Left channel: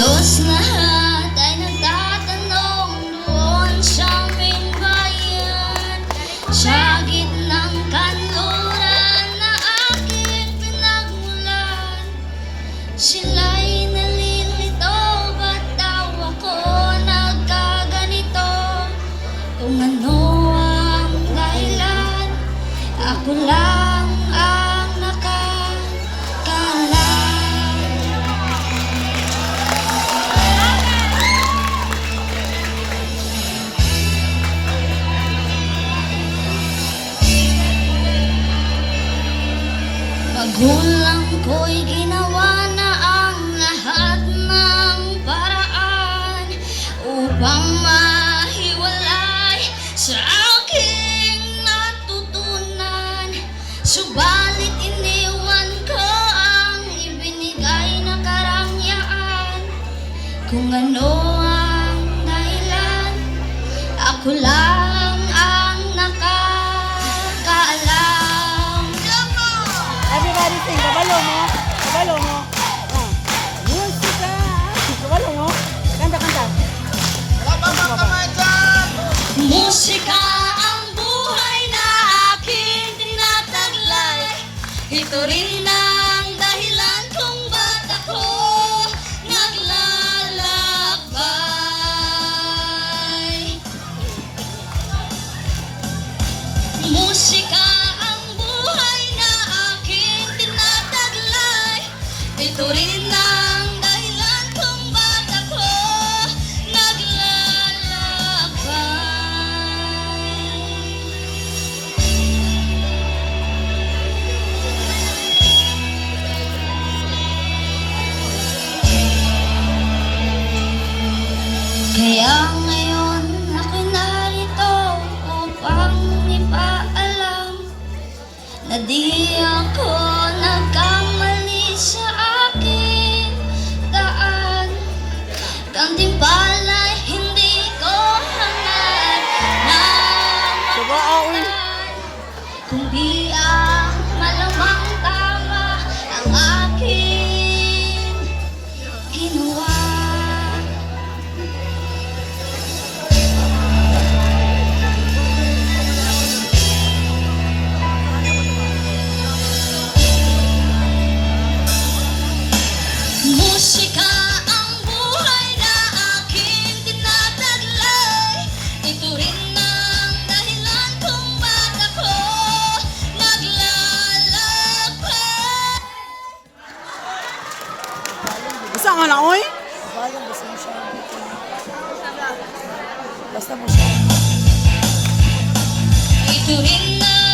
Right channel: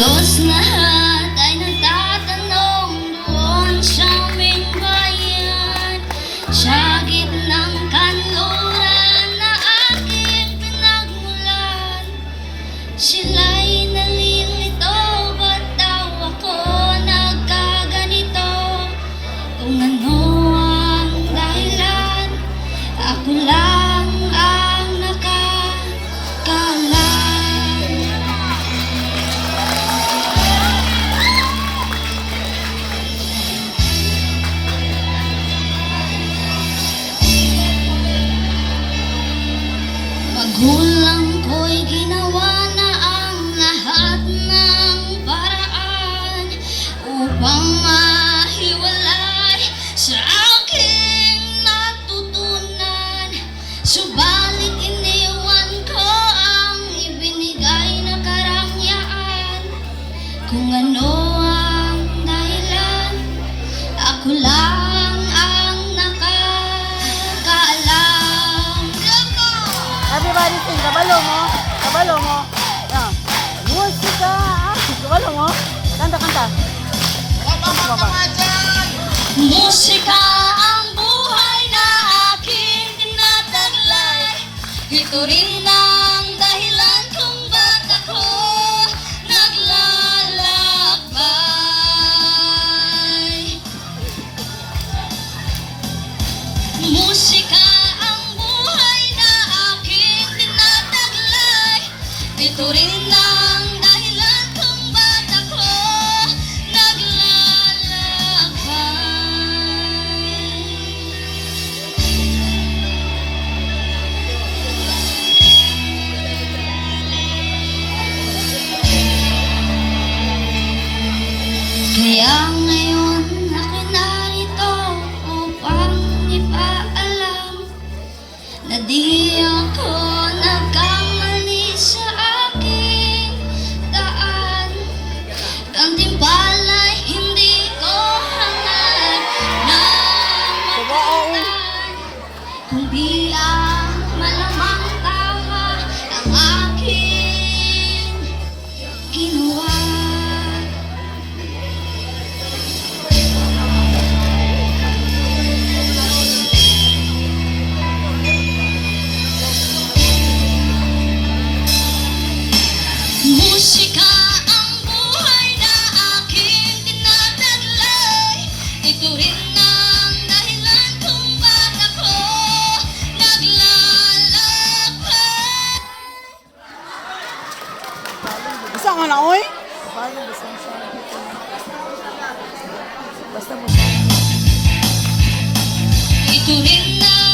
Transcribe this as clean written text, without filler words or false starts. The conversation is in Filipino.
Halos lahat ay nagtatanong doon sa aming bayan, sa gitnang kanluran na aking pinagmulan. Sila'y nalilito, ba't daw ako nagkaganito? Kung ano ang dahilan, ako lang ang nakakaalam. Magulang ko'y ginawa na ang lahat ng paraan upang mahiwalay sa aking natutunan. Subalit iniwan ko ang ibinigay na karangyaan. Kung ano ang dahilan, ako lang ang nakakaalam. Everybody sing, kabalo mo. Kabalo mo. Yan. Musika. Kabalo mo. Kanta, kanta. Musika ang buhay na aking tinataglay. Ito rin ang dahilan kung ba't ako naglalakbay. Musika ang buhay na aking tinataglay. Ito rin ang dahilan kung ba't ako kaya ngayon ako'y narito upang ipaalam na di ako nagkamali sa aking daan. Gantimpala'y hindi ko hangad na makamtan. Kung di ang malamang tama ang aking ginawa. Musika ang buhay na aking tinataglay. Ito rin ang dahilan kung ba't ako naglalakbay. Isa nga na, oy. Basta mo siya. Ito rin ang